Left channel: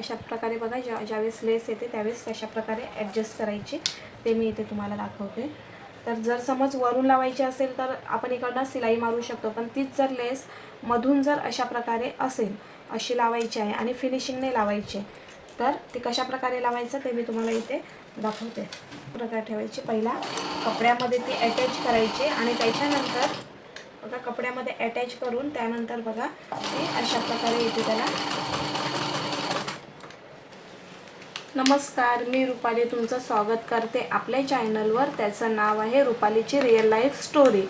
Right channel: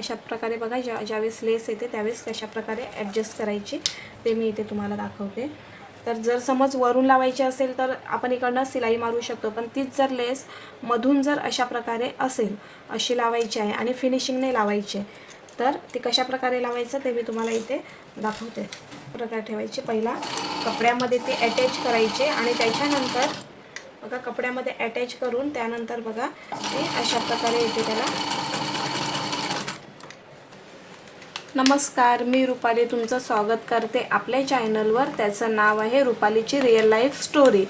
अशा प्रकारे बघा ज्या ज्यावेळेस लेस येते त्यावेळेस कशा प्रकारे ॲडजस्ट करायची. ते मी इथे तुम्हाला दाखवते. तर जर समज वरून लावायची असेल तर आपण इकडनं सिलाई मारू शकतो पण तीच जर लेस मधून जर अशा प्रकारे असेल अशी लावायची आहे आणि फिनिशिंगने लावायची तर ती कशा प्रकारे लावायचं ते मी तुम्हाला इथे दाखवते. प्रकारे ठेवायचे. पहिला कपड्यामध्ये ती अटॅच करायचे आणि त्याच्यानंतर बघा कपड्यामध्ये अटॅच करून त्यानंतर बघा ते अशा प्रकारे येते त्याला नमस्कार मी रुपाली तुमचं स्वागत करते आपल्या चॅनलवर. त्याचं नाव आहे रुपालीची रिअल लाईफ स्टोरी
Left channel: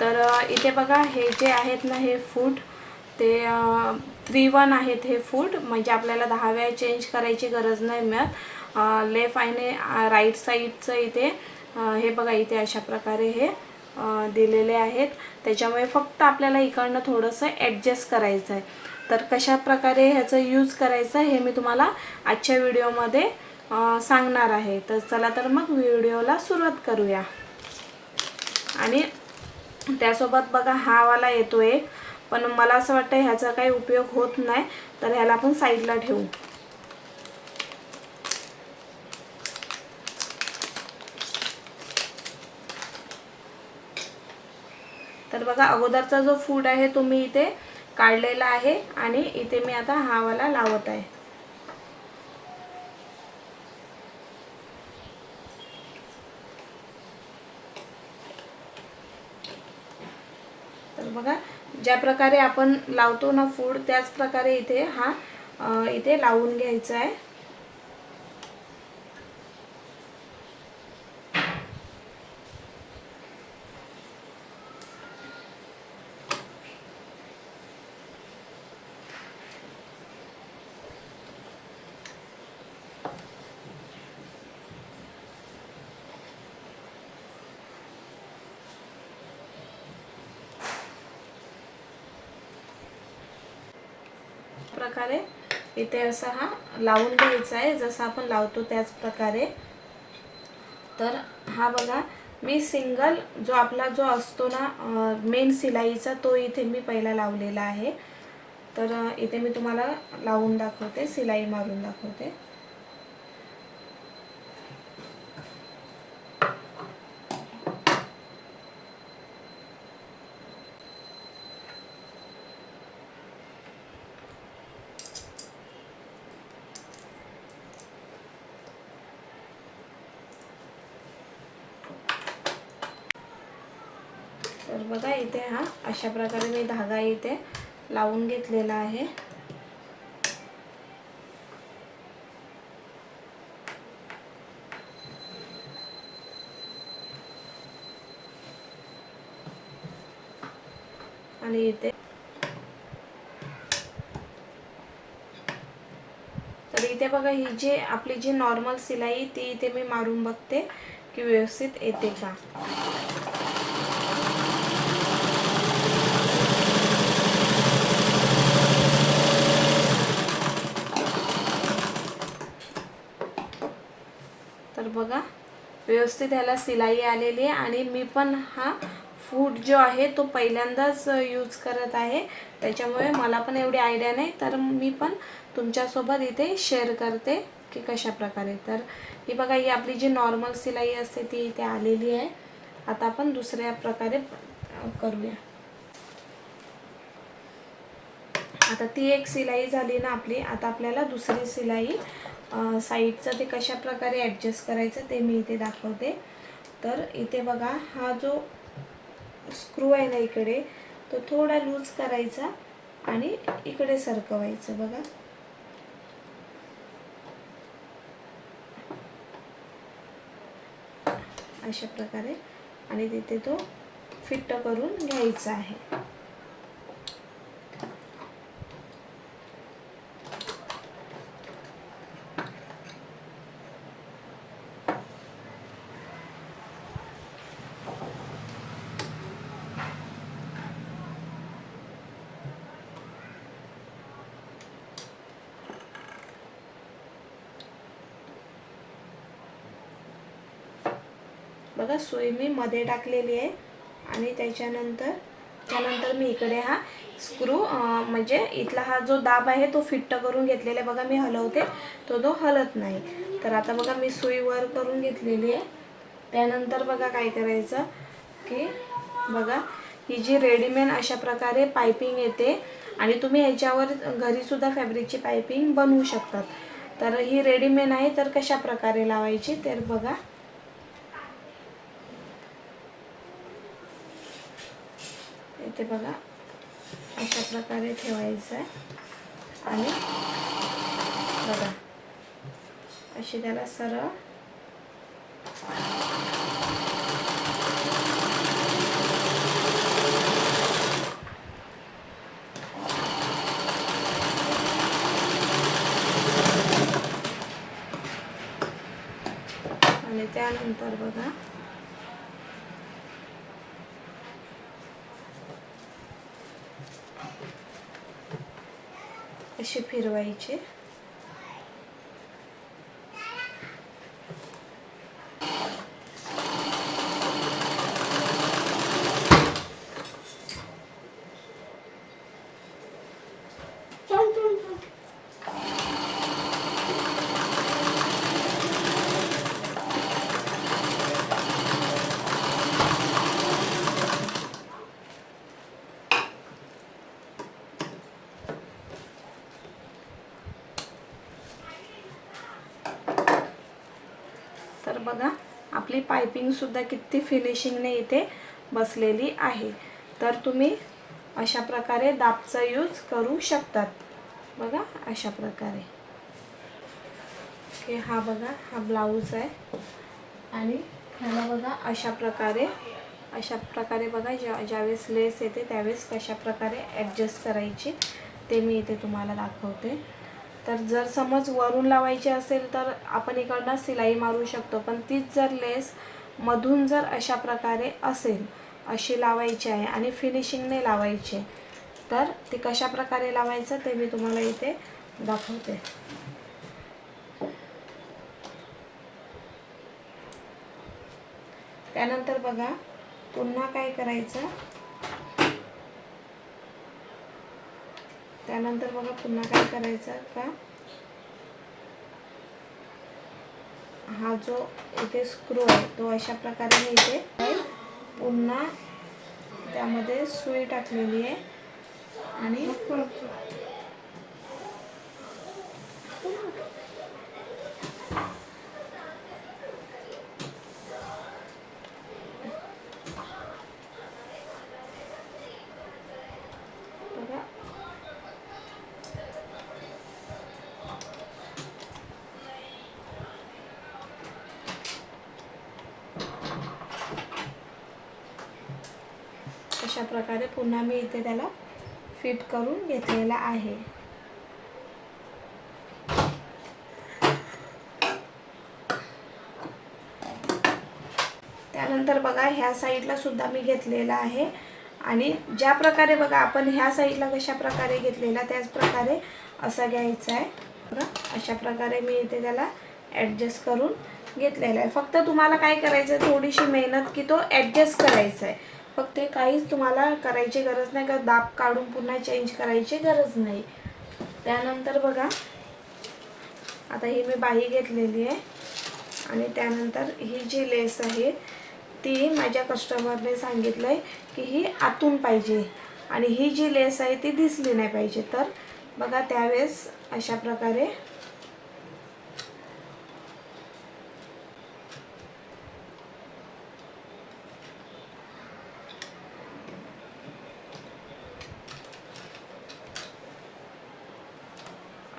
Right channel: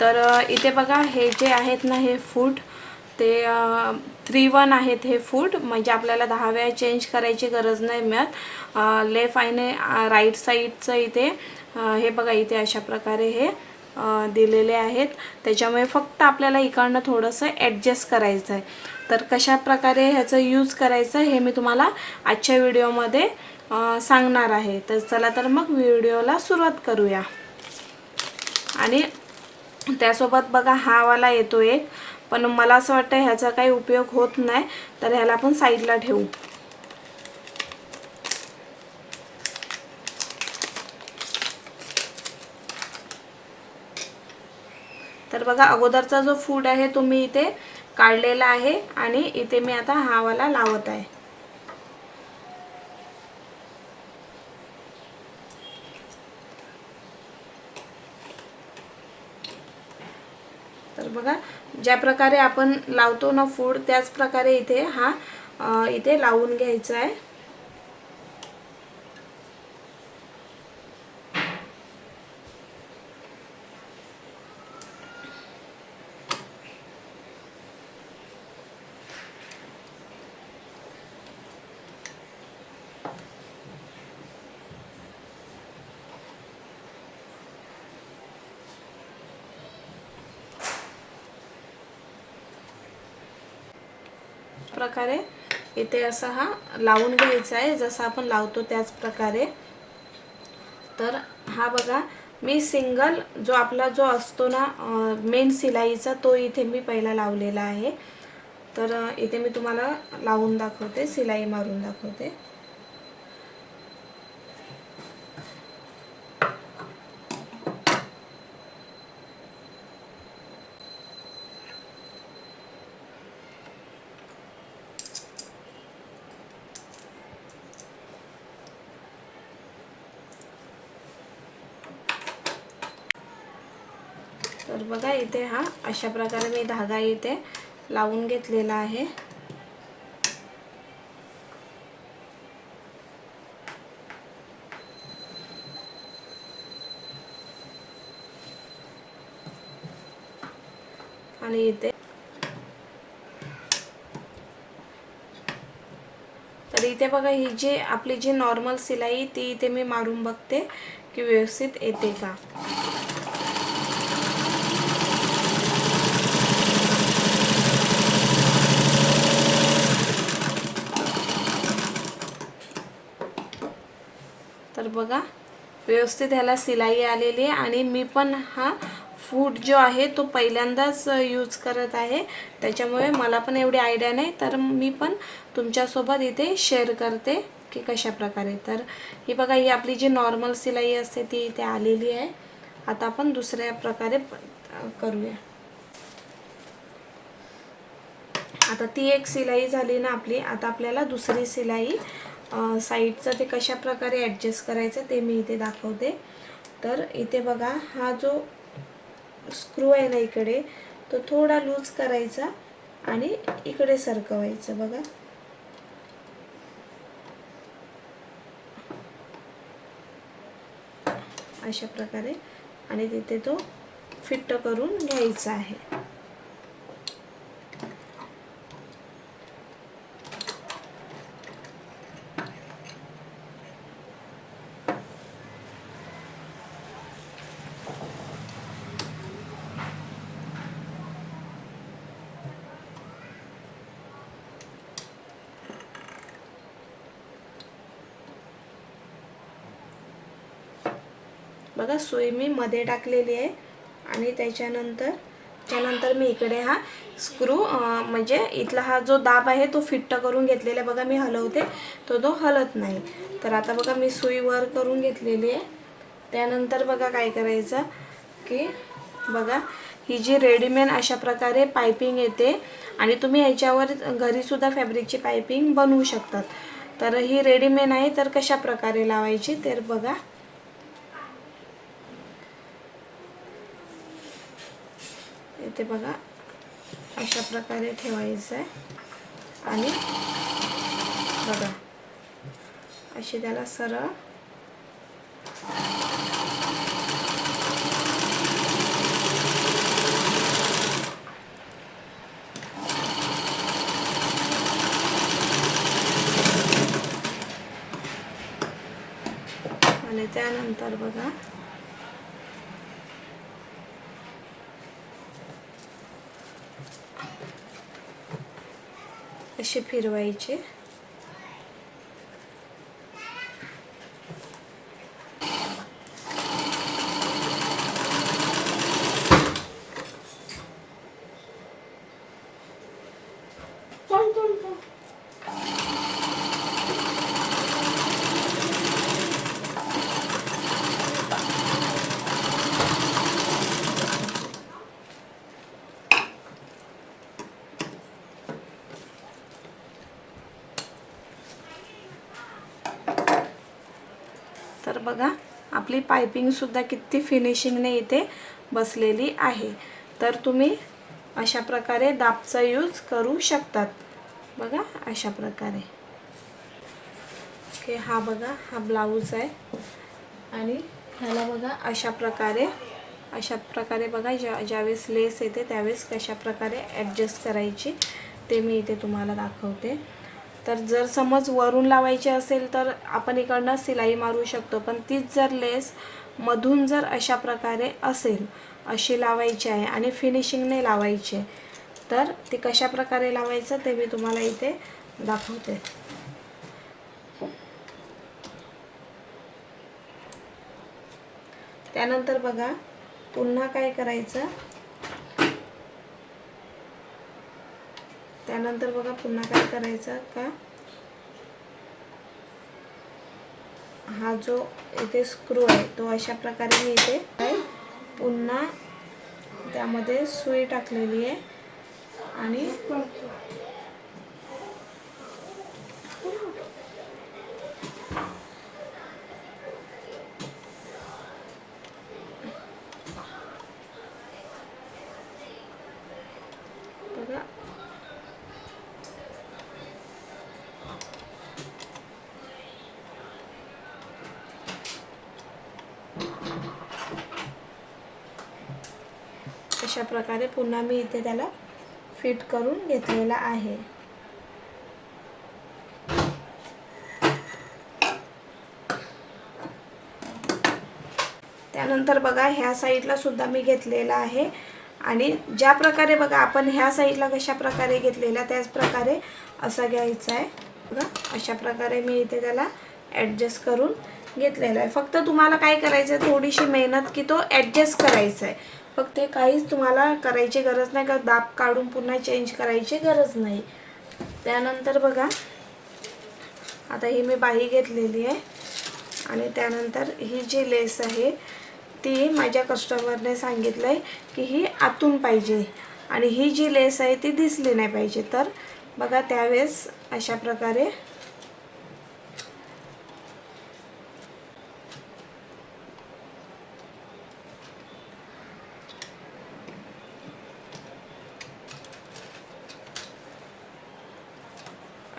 तर इथे बघा हे जे आहेत ना हे फूड ते थ्री वन आहेत हे फूड म्हणजे आपल्याला दहा वेळा चेंज करायची गरज नाही मिळत. लेफ्ट आणि राईट साईडचं इथे हे बघा इथे अशा प्रकारे हे दिलेले आहेत. त्याच्यामुळे फक्त आपल्याला इकडनं थोडंसं ॲडजस्ट करायचं आहे तर कशा प्रकारे ह्याचं यूज करायचं हे मी तुम्हाला आजच्या व्हिडिओमध्ये सांगणार आहे. तर चला तर मग व्हिडिओला सुरुवात करूया. आणि त्यासोबत बघा हा वाला येतो एक पण मला असं वाटतं ह्याचा काही उपयोग होत नाही तर ह्याला आपण साईडला ठेवू. तर बघा अगोदरचा जो फूड आहे तो मी इथे काढलेला आहे आणि इथे मी आता हा वाला लावत आहे. तर बघा ज्या प्रकारे आपण लावतो ना फूड त्याच प्रकारे इथे हा इथे लावून घ्यायचा आहे. प्रकारे इथे असा हा लावून घ्यायचा आहे. जसं आपण लावतो त्याच प्रकारे. तर हा बघा मी सिंगल जो आपला जो असतो ना मेन सिलाईचा तो इथे मी पहिला लावलेला आहे. तर इथे मी तुम्हाला लावून दाखवते सिलाई मारून दाखवते. तर बघा इथे हा अशा प्रकारे मी धागा इथे लावून घेतलेला आहे. आणि इथे तर इथे बघा ही जी आपली जी नॉर्मल सिलाई ती इथे मी मारून बघते की व्यवस्थित येते का. बघा. व्यवस्थित ह्याला सिलाई आलेली आहे आणि मी पण हा फूड जो आहे तो पहिल्यांदाच यूज करत आहे. त्याच्यामुळे मला पण एवढी आयडिया नाही. तर मी पण तुमच्यासोबत इथे शेअर करते की कशा प्रकारे. तर ही बघा ही आपली जी नॉर्मल सिलाई असते ती इथे आलेली आहे. आता आपण दुसऱ्या प्रकारे करूया. आता ती एक सिलाई झाली ना आपली. आता आपल्याला दुसरी सिलाई साईडचं ते कशा प्रकारे ॲडजस्ट करायचं ते मी इथे दाखवते. तर इथे बघा हा जो स्क्रू आहे ना इकडे तो थोडा लूज करायचा आणि इकडे सरकवायचं बघा. अशा प्रकारे. आणि तिथे तो फिट्ट करून घ्यायचा आहे. बघा सुई मी मध्ये टाकलेली आहे. आणि त्याच्यानंतर त्यानंतर मी इकडे हा स्क्रू म्हणजे इथला हा जो दाब आहे तो फिट्ट करून घेतलेला बघा मी हलवते. तो तो हलत नाही. तर आता बघा मी सुई वर करून घेतलेली आहे. त्यानंतर बघा काय करायचं की बघा ही जी रेडीमेड अशा प्रकारे पायपिंग येते आणि तुम्ही ह्याच्यावर घरीसुद्धा फॅब्रिकची पायपिंग बनवू शकतात. तर ही रेडीमेड आहे तर कशा प्रकारे लावायची तर बघा. ते बघा अशा प्रकारे ठेवायचं आहे. आणि बघा अशी त्याला सरळ आणि त्यानंतर बघा असे फिरवायचे तर बघा आपली पायपिंगसुद्धा किती फिनिशिंगने इथे बसलेली आहे. तर तुम्ही अशा प्रकारे दाबचा यूज करू शकतात. बघा अशा प्रकारे. ओके हा बघा हा ब्लाऊज आहे. आणि ह्याला बघा अशा प्रकारे अशा प्रकारे बघा ज्या ज्यावेळेस लेस येते त्यावेळेस कशा प्रकारे ॲडजस्ट करायची ते मी इथे तुम्हाला दाखवते. तर जर समज वरून लावायची असेल तर आपण इकडनं सिलाई मारू शकतो. पण तीच जर लेस मधून जर अशा प्रकारे असेल अशी लावायची आहे आणि फिनिशिंगने लावायची तर ती कशा प्रकारे लावायचं ते मी तुम्हाला इथे दाखवते. त्यानंतर बघा पुन्हा काय करायचं? त्यानंतर बघा पुन्हा काय करायचं का? हा जो इथे स्क्रू आहे तो अशा प्रकारे मी इथे पुन्हा त्यामध्ये सुई टाकलेली आहे. आणि बघा अशा प्रकारे पुन्हा मी इथे त्याला फिट करून घेतलेला आहे. त्यानंतर बघा ह्या साईडला सुद्धा मी घेतलेला आहे. आणि ज्या प्रकारे बघा आपण ह्या साईडला कशा प्रकारे घेतलेला त्याच प्रकारे असं घ्यायचं आहे. बघा अशा प्रकारे मी इथे त्याला ॲडजस्ट करून घेतलेला आहे. फक्त तुम्हाला काय करायचं आहे थोडीशी मेहनत की तो ॲडजस्ट करायचा आहे फक्त काहीच तुम्हाला करायची गरज नाही का? दाब काढून पुन्हा चेंज करायची गरज नाही. त्यानंतर बघा आता ही मी बाही घेतलेली आहे. आणि त्यानंतर ही जी लेस आहे ती माझ्या कस्टमरने सांगितलं आहे की ही आतून पाहिजे. आणि ही जी लेस आहे ती दिसली नाही पाहिजे. तर बघा त्यावेळेस अशा प्रकारे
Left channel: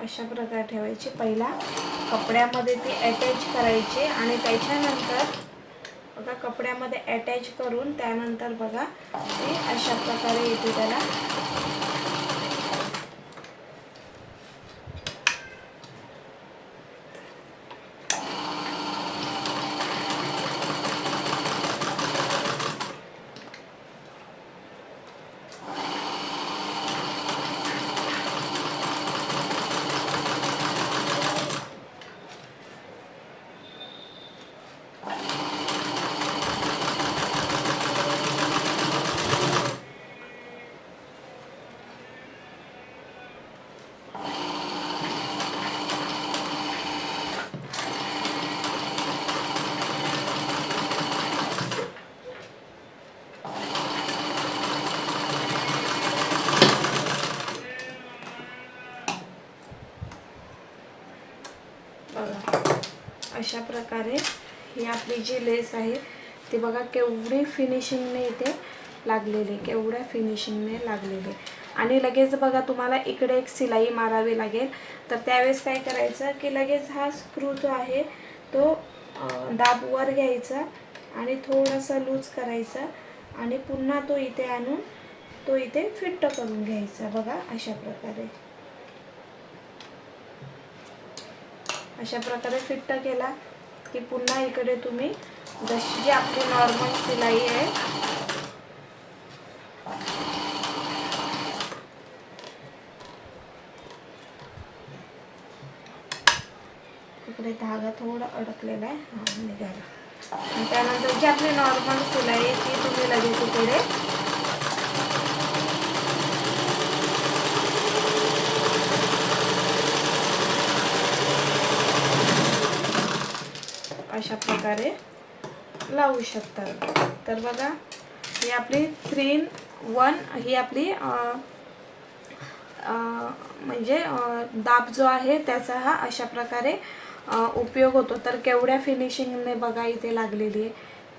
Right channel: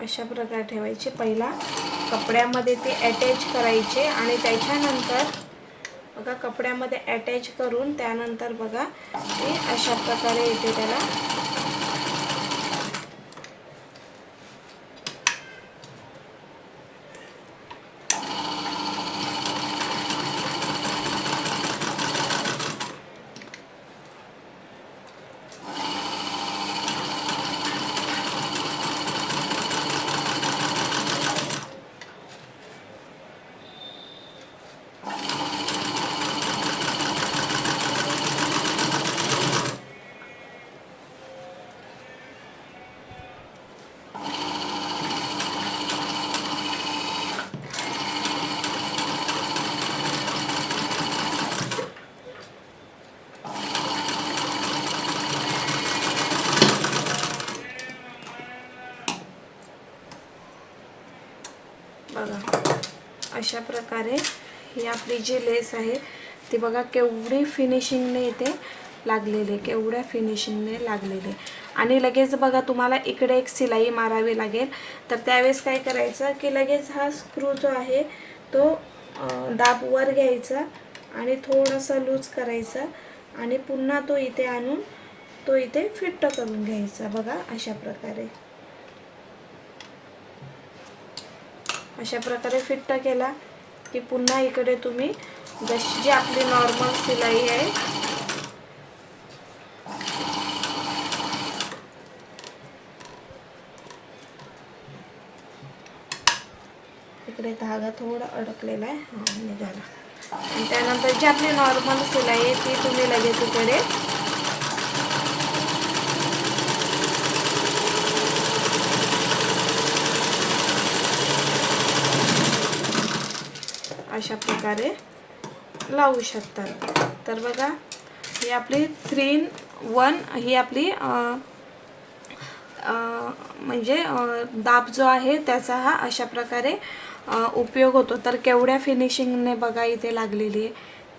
अशा प्रकारे ठेवायची. पहिला कपड्यामध्ये ती अटॅच करायची आणि त्याच्यानंतर बघा कपड्यामध्ये अटॅच करून त्यानंतर बघा ते अशा प्रकारे येते त्याला अशा प्रकारे ही आपली जी लेस आहे ती बघा केवढी फिनिशिंगने इथे लागलेली केवढ्या फिनिशिंगने लागलेली आणि लगेच बघा तुम्हाला इकडे एक सिलाई मारावी लागेल. तर त्यावेळेस काय करायचं की लगेच हा स्क्रू जो आहे तो दाबवर घ्यायचा आणि थोडासा लूज करायचा आणि पुन्हा तो इथे आणून तो इथे फिट्ट करून घ्यायचा बघा अशा प्रकारे. अशा प्रकारे फिट्ट केला की पुन्हा इकडे तुम्ही जशी जी आपली नॉर्मल सिलाई आहे. इकडे धागा थोडा अडकलेला आहे. निघाला. त्यानंतर जी आपली नॉर्मल सिलाई आहे ती तुम्ही लगेच इकडे अशा प्रकारे लावू शकतात. तर बघा ही आपली थ्री इन वन ही आपली म्हणजे दाब जो आहे त्याचा हा अशा प्रकारे उपयोग होतो. तर केवढ्या फिनिशिंगने बघा इथे लागलेली आहे.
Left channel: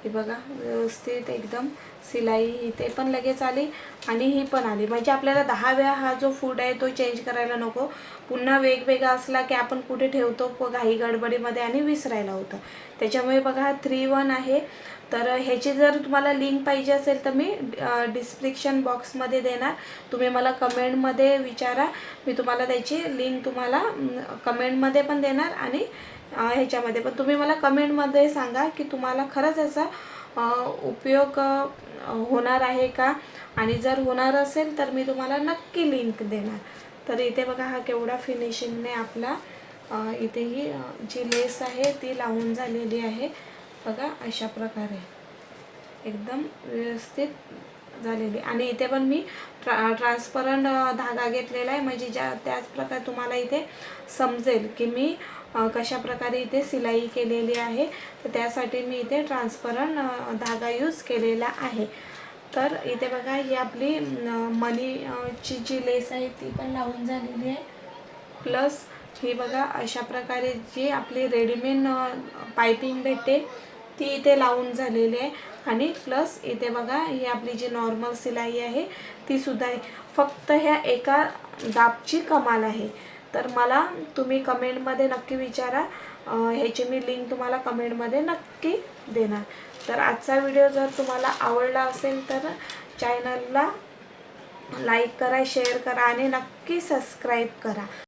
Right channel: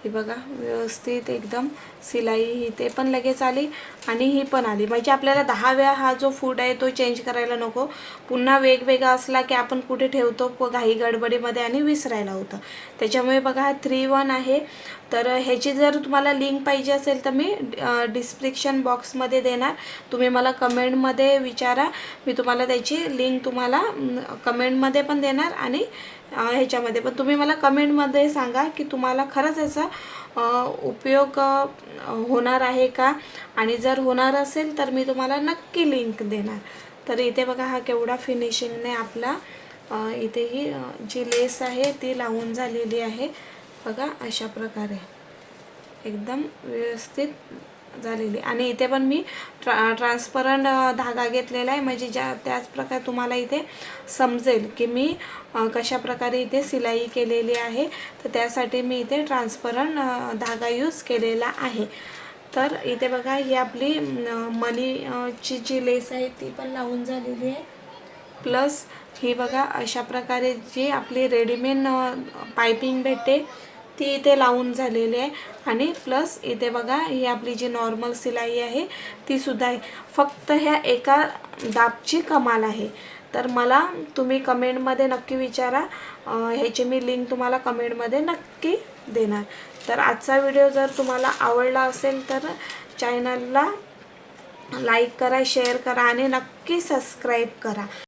हे बघा व्यवस्थित एकदम सिलाई इथे पण लगेच आली आणि ही पण आली. म्हणजे आपल्याला दहा वेळा हा जो फूड आहे तो चेंज करायला नको. पुन्हा वेगवेगळा असला की आपण कुठे ठेवतो घाई गडबडीमध्ये आणि विसरायला होतं. त्याच्यामुळे बघा हा थ्री वन आहे. तर ह्याची जर तुम्हाला लिंक पाहिजे असेल तर मी डिस्क्रिप्शन बॉक्समध्ये देणार. तुम्ही मला कमेंटमध्ये विचारा. मी तुम्हाला त्याची लिंक तुम्हाला कमेंटमध्ये पण देणार आणि ह्याच्यामध्ये पण. तुम्ही मला कमेंटमध्ये सांगा की तुम्हाला खरंच याचा उपयोग होणार आहे का? आणि जर होणार असेल तर मी तुम्हाला नक्की लिंक देणार. तर इथे बघा हा केवढा फिनिशिंगने आपला इथे ही जी लेस आहे ती लावून झालेली आहे. बघा अशा प्रकारे. एकदम व्यवस्थित झालेली. आणि इथे पण मी ट्रा ट्रान्सपरंट धागा घेतलेला आहे. म्हणजे ज्या त्याच प्रकारे तुम्हाला इथे समजेल की मी कशा प्रकारे इथे सिलाई केलेली आहे. तर त्यासाठी मी इथे ट्रान्सपरंट धागा यूज केलेला आहे. तर इथे बघा ही आपली मनीची जी लेस आहे ती पण लावून झालेली आहे. प्लस ही बघा अशा प्रकारे जी आपली रेडीमेड पायपिंग भेटते ती इथे लावून झालेली आहे. आणि प्लस इथे बघा ही आपली जी नॉर्मल सिलाई आहे ती सुद्धा आहे. फक्त ह्या एका दाबची कमाल आहे. तर मला तुम्ही कमेंटमध्ये नक्की विचारा. ह्याची मी लिंक तुम्हाला कमेंटमध्ये नक्की देणार. तर आजचा व्हिडिओ जर तुम्हाला आवडला असेल तर चॅनलला लाईक करा शेअर करा आणि नक्की सबस्क्राईब करा.